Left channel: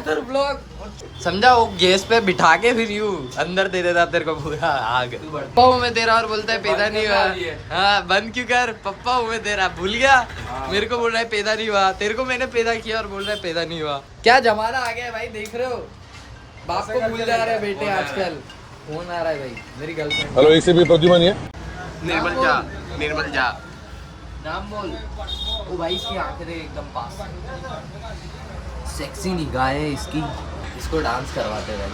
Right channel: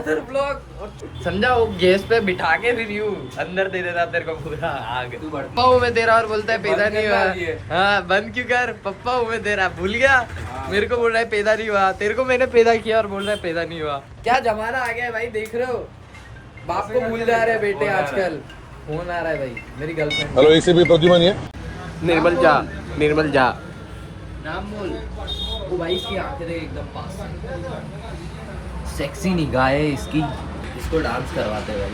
फिर ब्लॉग समझा, वो गैस पे बिठा के फिर यूं अंदर दे देता तेरे को पूरा आग। पप्पा हूँ मैं तेरा और बोलता है पैदा नहीं हुआ। हाँ बंद क्यों कर, पप्पा हूँ मैं तेरा, भूल गया। मेरे को बोल रहा है पैदा नहीं हुआ, तेरे को मैंने पैदा किया और बोल रहा है पैदा नहीं हुआ। क्या जमाना आ गया है भाई, देख रहे हो, बाप को भूल जा रहे हैं बेटे आजकल। फोन आ रहा है भाई, मेरी गर्लफ्रेंड। हेलो, एक से भी प्रद्युमन है। निर्मल जा, निर्मल जा, नाम बोल। तू भाई इसकी आंखें देख एकदम पास, सेक्सी निगाह है इसकी। इसको डांस करवाते भाई।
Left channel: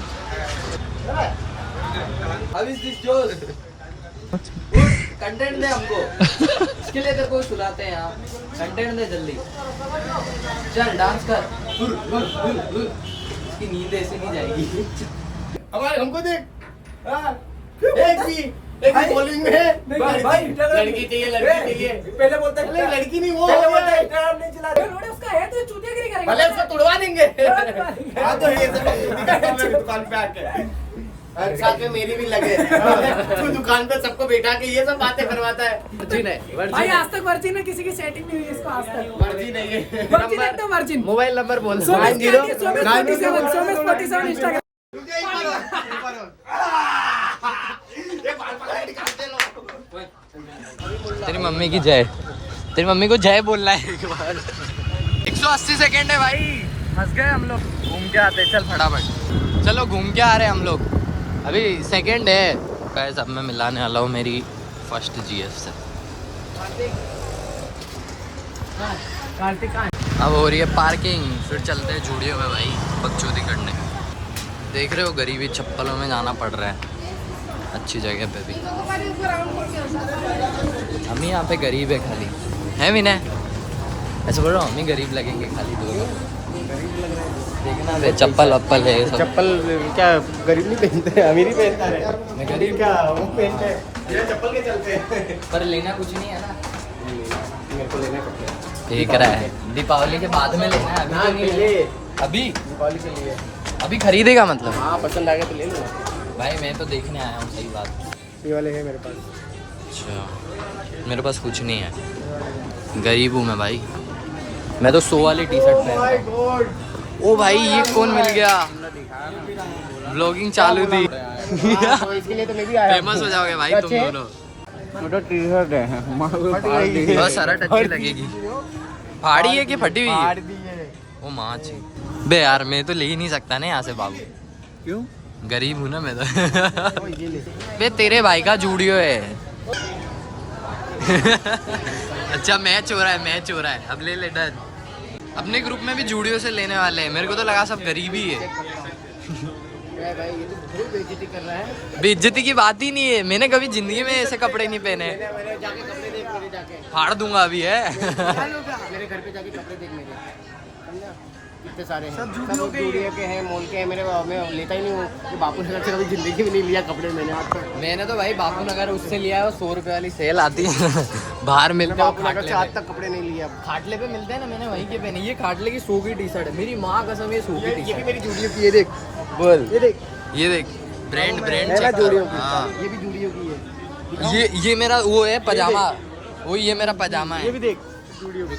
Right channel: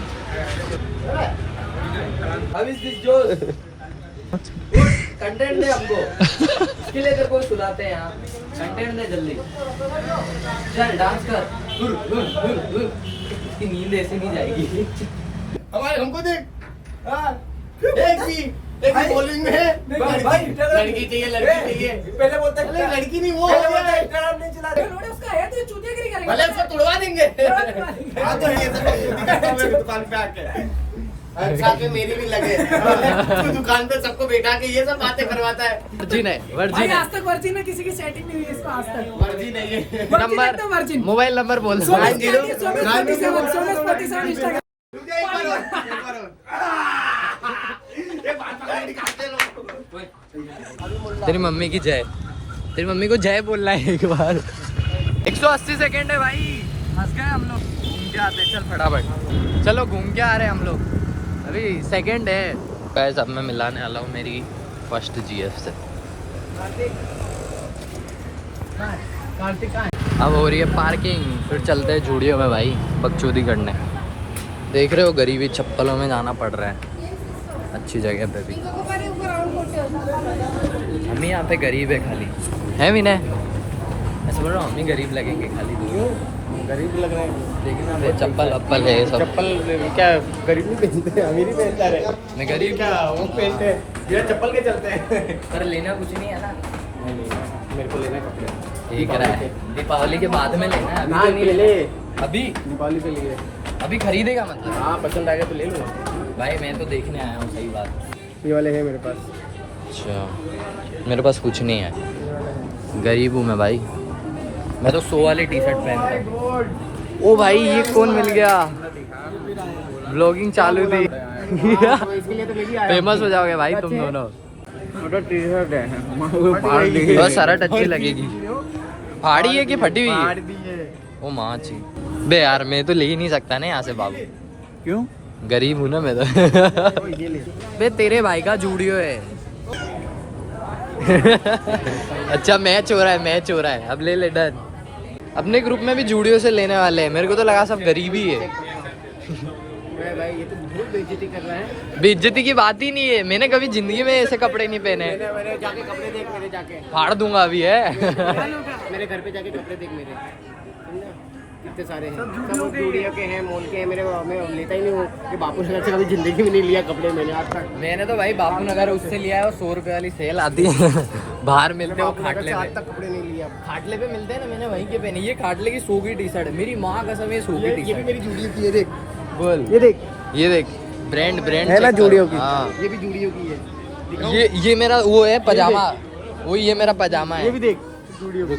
अब इस दिस जो कंटेंट दे हमको, इसके लिए तेरे को सुलाते हैं यहाँ। कंटेंट दे जल्दी, चल डांस कर। इसकी नींद ऐसे नहीं जाएगी। हमारे हमको देख, एक ही बॉलिंग में है भाई, लड़की चाहिए, लड़की चाहिए। पहले बोलते हैं लड़की नहीं, वो उसका है तो चूतियागिरी करेंगे, भले उसको तुड़वा देंगे। हाँ तो ये सब दुकान पे आके साथ में मेरी भी लगे। तू दुकान पे सबको बैठा के ये सब बातें करवाता है। वर्जिन है, भाई वर्जिन है। आज तक वर्जिन है, किसी की सेटिंग नहीं हुई इसको आज तक। मर्जी नहीं है। नंबर, वर्जिन मोबाइल नंबर बोल। इंस्टाग्राम। तेरी मम्मी की जय, तेरी मम्मी को जय बोलना है एक बार। 180 सेकेंड है भाई, फंस गए हम लोग। घूम के आते, चल फटाफट चलो, घूम के आ रहे हैं हम लोग। अभी सेकेंड है गाइस। अब मैं मिलाने वाला हूँ मेरी फर्स्ट जीएफ से। अब हो रही है पार्किंग, फिर चलते हैं जूडियो में भाई बकचोदी करने। देख रहे हो गरीबी चप्पलों में जाना पड़ रहा है, अच्छी जगह पे भी। हम ही यहाँ पे गरीब है खाली, है विनय? ऐसे बोल रहा हूँ, हम ही गरीब लगेंगे खाली। दो गरीब लग रहा है, देखना मेरे चप्पल वप्पल है सब। चप्पल क्या गरीब नहीं पहनते, अमीर ही पहनता है। मैं गरीब क्या वो पहनते हैं, ये चप्पल के चलते हैं। पर लेना कुछ नहीं है ना। मेरे को लेना कपड़े, एक रहा है, दीपावली के बाद में लेना है। अभी हाँ तो नहीं पहले लेना। अभी दीपावली के लिए। अभी खरीदेगा मतलब? हाँ पसंद आ गया तो ले लूँगा भाई मैं तो देखने आया हूँ, सही बात। ये वाले हैं मेरे पास। अच्छा, मेरे पास कुछ नहीं है, गरीब हूँ मैं भाई। मैं तो 100 वाली टी शर्ट पहनता हूँ। ओ भाई ये कौन मिल गया, ब्लॉगिंग चालू थी। इसके लिए तो मैं भी आया। फेमस हो जाओगे भाई तुम दोनों। मोटा टी शर्ट है, बहुत शर्ट अच्छी लगेगी। फाड़ी है कि फटी हुई है? ओ माँ ची बे यार, मैं तो ले ही नहीं सकता ना यहाँ से बाबू। क्यों? गरीब हूँ ना मैं तो। बे तेरे भाई का जूडियो है। अच्छा मैच हो रहा है, मैच हो रहा है, अब ले ले डन। अपने ग्रुप में भी जूडियो से लेने वाले हैं, मेरे को तो लगा सब गरीब ही है। भाई ये तो बहुत बेइज्जती कर रहा है। बेइज्जती की बात ही नहीं है, मैंने कभी जिंदगी में ऐसे कपड़े नहीं पहने। मेरे जाके कपड़े देख, मेरे जाके फाड़ दूंगा अभी है। मेरे घर पे जाके कपड़े देख मेरे, समझा? कितने सारे हैं, सब जूडियो के हैं, मॉल के हैं। मेरे मैं लेता ही नहीं हूँ, ये बापू नगर से कभी जिंदगी में नहीं लिया कपड़े मैंने आज तक। मैंने तो भाई बापू नगर उससे लिया है, 100 रुपए वाली सेल आती है। बाहर मिलते हैं वो खाटले आज पे। तक कपड़े नहीं लिया। खाटले पे मिलते हैं ना, मैंने वहीं के पहने। ये खाटले की 100 की टी शर्ट है, मेरी माँ कसम ये 100 की टी ये भी शर्ट। मेरी जूडियो की, ये देख, बोल, ये देख, ये देख, ब्रांड ब्रांड है ना चेक जूडियो करो। की। हाँ ये भी जूडियो की है। दिखाऊं? ये मेरा वो है पजामा, वो ये मेरा पजामा ये है। भी देख, जूडियो की।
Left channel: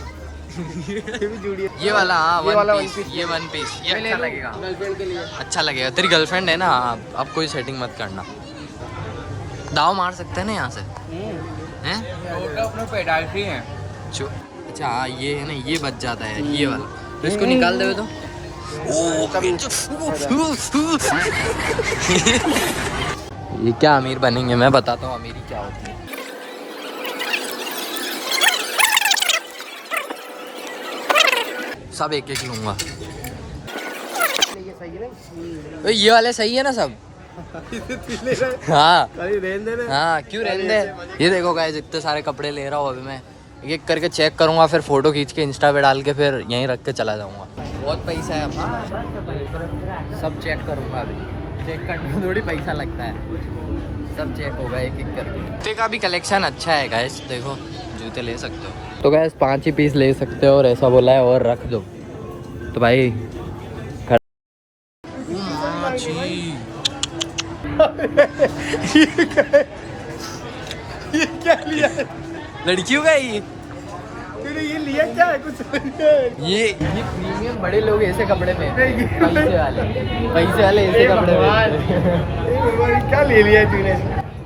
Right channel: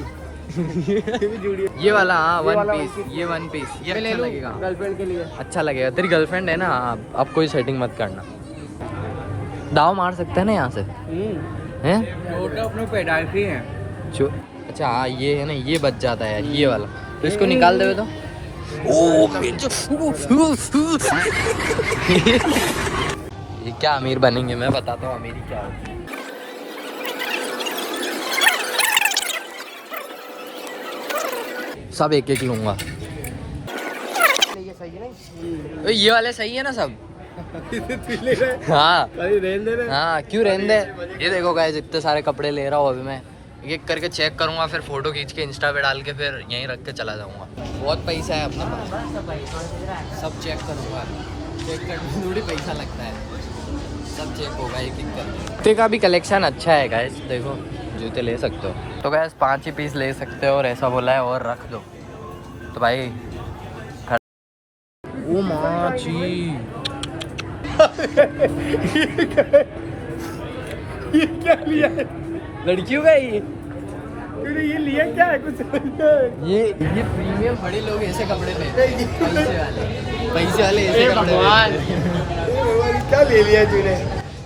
ये भी जूडियो। ये वाला हाँ, ये वन वाला पीस, one piece। ये वन पीस, ये मैं ले अच्छा लूं लगेगा। गर्लफ्रेंड के लिए। अच्छा लगेगा, तेरी गर्लफ्रेंड है ना। अब कोई सेटिंग मत करना, दाव मार सकते हैं ना यहाँ से, हैं? जो अच्छा हाँ ये है ना, ये बच जाता है यार, ये वाला। तो इसको निकाल देवे तो। ये क्या अमीर बनेंगे, मैं बताता हूँ अमीरी क्या होती है। सब एक एक लूंगा। ये सही है नहीं? तो ये वाले सही है ना सब? हाँ रहने दे रहे। हाँ, क्यों रहने दे। ये देखो गाइस, इतने सारे कपड़े ले रहा हूँ अभी मैं, एक करके चेक करूँगा, फिर फोटो खींच के इंस्टा पे डाल के फिर यहीं रख के चला जाऊँगा। बहुत पैसा है अपना, सब चेक करूँगा अभी। चेक करने में थोड़ी पैसा लगता है, सब चेक होगा एक एक करके। जूते का भी कलेक्शन अच्छा है गाइस, देखो जूते ले सकते हो। तो गाइस 5 ही पीस ले सकते हो और ऐसा बोला है, और रख दो तो भाई। ओ माची ये क्या लिया? लड़कियों का ये ये लिया क्या है कुछ? ये प्रीमियम बड़े लोग ऐसे कपड़े पहनते हैं, पैसे वाले ऐसे कपड़े पहनते हैं। क्या ले लिया तूने?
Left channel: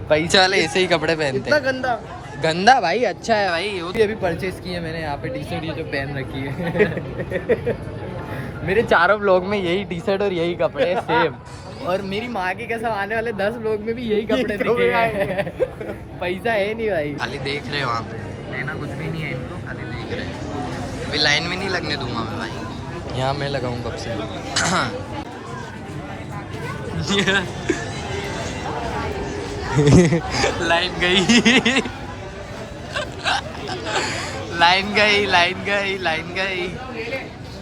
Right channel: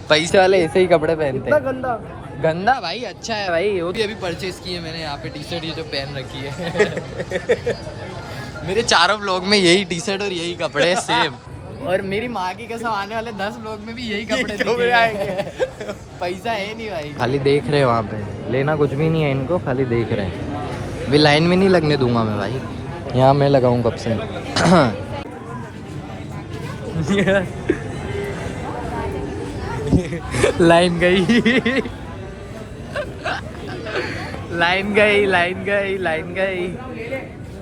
पैसे वाले ऐसे ही कपड़े पहनते इतना हैं। गंदा। गंदा भाई, अच्छा है भाई। वो भी अभी परचेज की है मैंने, यहाँ पे टी शर्ट ये जो पहन रखी है। मेरे चारों ब्लॉग में यही टी शर्ट और यही कपड़े सेम। और मेरी माँ की कसम आने वाले 10 लोग में भी यही कपड़े दिखेंगे। पैसा है नहीं भाई, खाली देख रहे हैं वहाँ पे, लेना कुछ भी नहीं है इनको, खाली देख रहे हैं। अभी लाइन में नहीं लगने दूंगा मैं भाई, यहाँ मैं लगाऊँ कब से। लाइन गई, लाइन गई, लाइन गई, लाइन गई।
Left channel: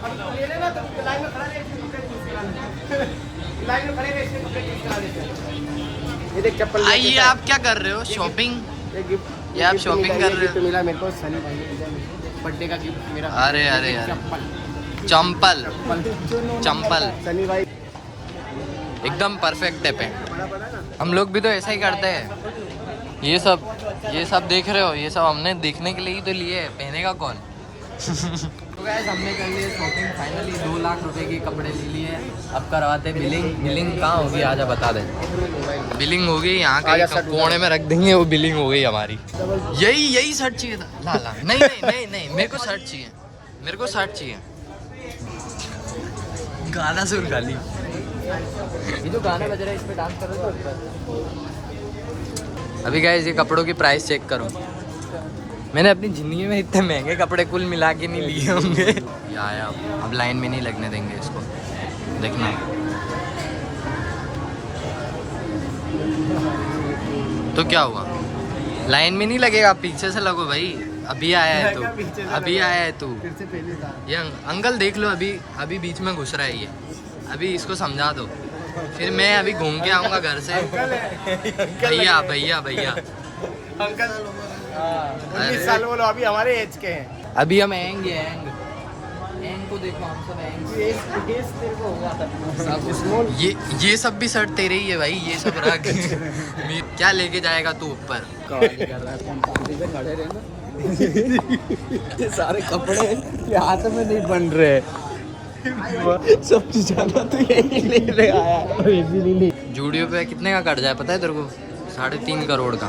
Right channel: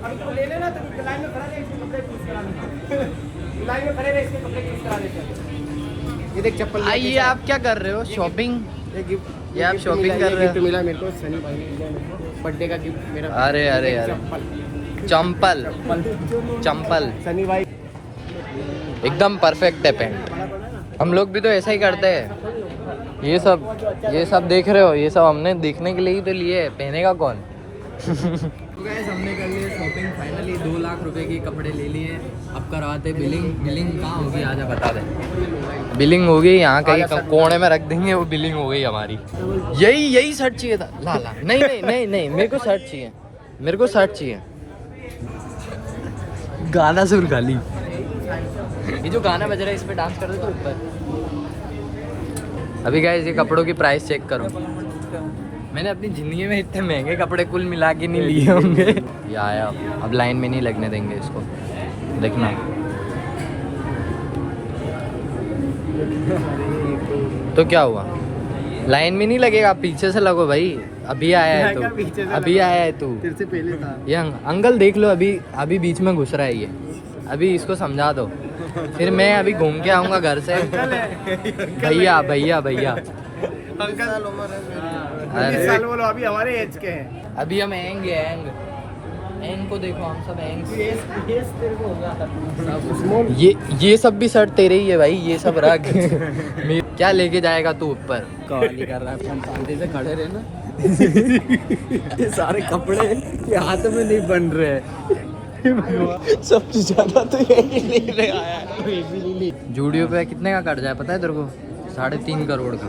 अब तो ले लेना, तो लाइन में खड़ा रहे, इसके कपड़े चूज करा लेते। लाइन में खड़े रहे, इसके कपड़े चूज करा लेते हैं। ये देख चप्पल। आइए, आप क्या कर रहे हो? शॉपिंग? ये आप शॉपिंग कर रहे हो? मिला मेरे को, सनी भाई ने दिया मेरे को बर्थडे का गिफ्ट मेरा। अरे अरे अरे, चप्पल चंपल, चंपल सनी भाई एकदम परफेक्ट है पैंट। हम लोग भी तो ऐसा ही करते हैं। ये सब देख रहे हो, ये सब हमने देखने के लिए ही तो लिए, पहनेगा कौन? गाइस, हमने कर लिए शॉपिंग फाइनली, 2 लाख रुपए के कपड़े ले लिए। अब करवाते बिलिंग। बिलिंग कहाँ होगी, आजा बता दे। बिलिंग होगी यहाँ कहीं कोने में रख देंगे, वो बिलिंग हो गई हमारी। यही शर्ट चाहिए था। ला नहीं नहीं नहीं नहीं, मेरे को शर्ट चाहिए, मेरे को शर्ट चाहिए। गाना सुन खाली, ये जो गाना बज रहा है इस पे डांस कर रहे हो ऊपर। अभी गाइस ये कपड़ों की प्राइस चेक करो। मैंने अपनी जिंदगी में इतने महंगे कपड़े कुल मिला के नहीं लिए होंगे। ये आया, अब लाइन में नहीं लगने देंगे इसको, देखना। तो क्या हुआ, लाइन में नहीं लगेगा, पीछे से लगो भाई। अभी आया है तू, अभी आया है तू। तेरे से पहले था ये अंकल देख लो, अभी बीच में घुस रहा है ये। अभी इसको समझा दो, फिर मैं अभी घूम के आऊँगा घर से। भैया भैया भैया, अंकल अभी हमारे एज के हैं। अभी हम आएंगे। एंग को देखो, हम सब एंग। ये सब भी शर्ट तेरे ही है भाई, ये सब रख। क्या लेके जाएगा तू ऊपर? सारे कपड़े हाथ में नहीं बन रहे। सबसे ज्यादा तो यही ले रहे आया है। जूडियो पे कितने का कट जाए पता है तेरे को? 3.5 करोड़ का।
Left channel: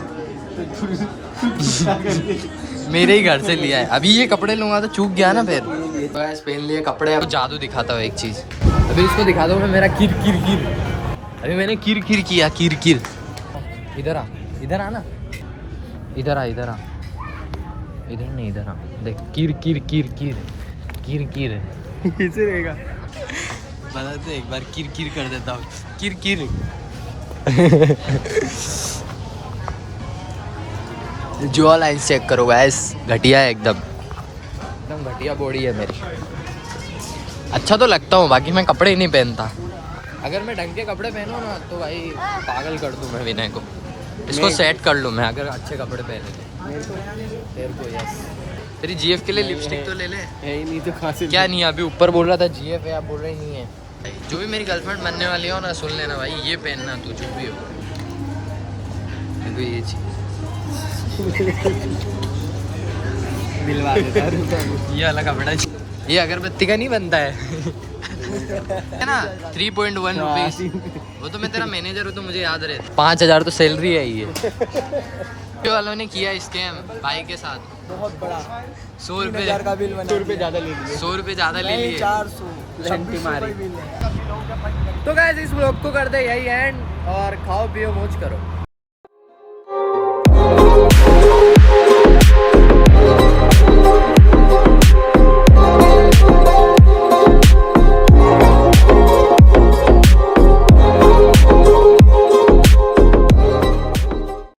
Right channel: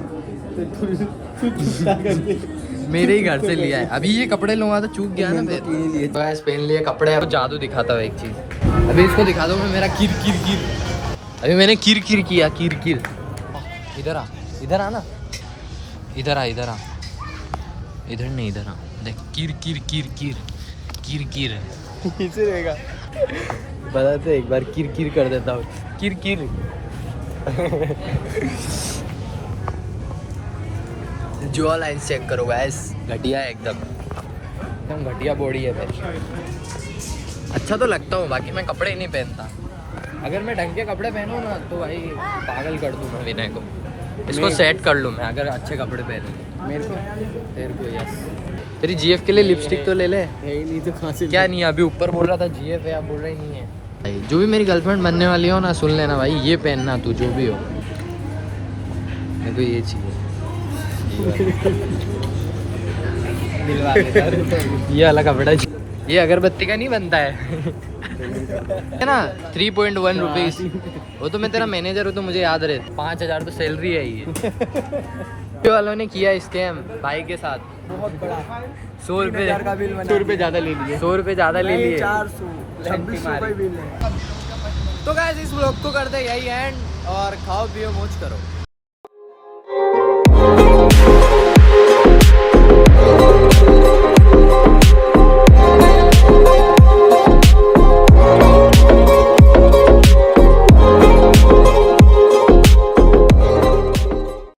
मेरे ही घर से लिया है। अभी ये कपड़े लूंगा तो चूक गया ना फिर। पहन लिए कपड़े। अब जादू दिखाता हूँ एक चीज, अभी इसको दिखा दो मैं, मेरा किर किर किर। अभी मैंने किर किर किया, किर किर। इधर आ, इधर आना, इधर आ, इधर आ, इधर नहीं, इधर आ। देख, किर किर किर किर किर किर। कैसे रहेगा? बता तो एक बार, किर किर कर देता हूँ, किर किर। जो लाइन चेक करो गाइस, घटिया है एकदम घटिया बॉडी है मेरी। अच्छा तो लगता हूँ, बाकी मैं कपड़े ही नहीं पहनता। अगर मैं ढंग के कपड़े पहनूँ ना तो भाई पागल कर दूँ मैं विनय को। इसको सेट कर लूँ मैं अगर अच्छे कपड़े पहने तो। तेरे को यस, तेरी जीएफ के लिए लिपस्टिक तो ले ले। नहीं तो कहाँ से? क्या नहीं, अभी ऊपर बोल रहा था जीएफ है, आप बोल रहे नहीं है। जो भी मेरी गर्लफ्रेंड बनने वाली हो ना, सुन लेना भाई, ये पहनना तू जो भी हो, मेरे को ये चाहिए। ये वाला कपड़ा, ये अगरबत्ती का नहीं बनता है ना। 3.1 रुपीज। वो तो मैं तेरा मैनेजर हूँ तो मुझे याद रहे। 5,000 तो सैलरी है ये। वालों ने किया स्कैम भाई के साथ, बहुत बड़ा। 100 रुपये का बिल बना, 100 रुपये ज़्यादा ले लिए। 100 रुपये ज़्यादा ले लिए। 400 2600 का बिल है। तो गाइस इस व्लॉग को कर दे यही एंड, और खाओ पियो मौज करो।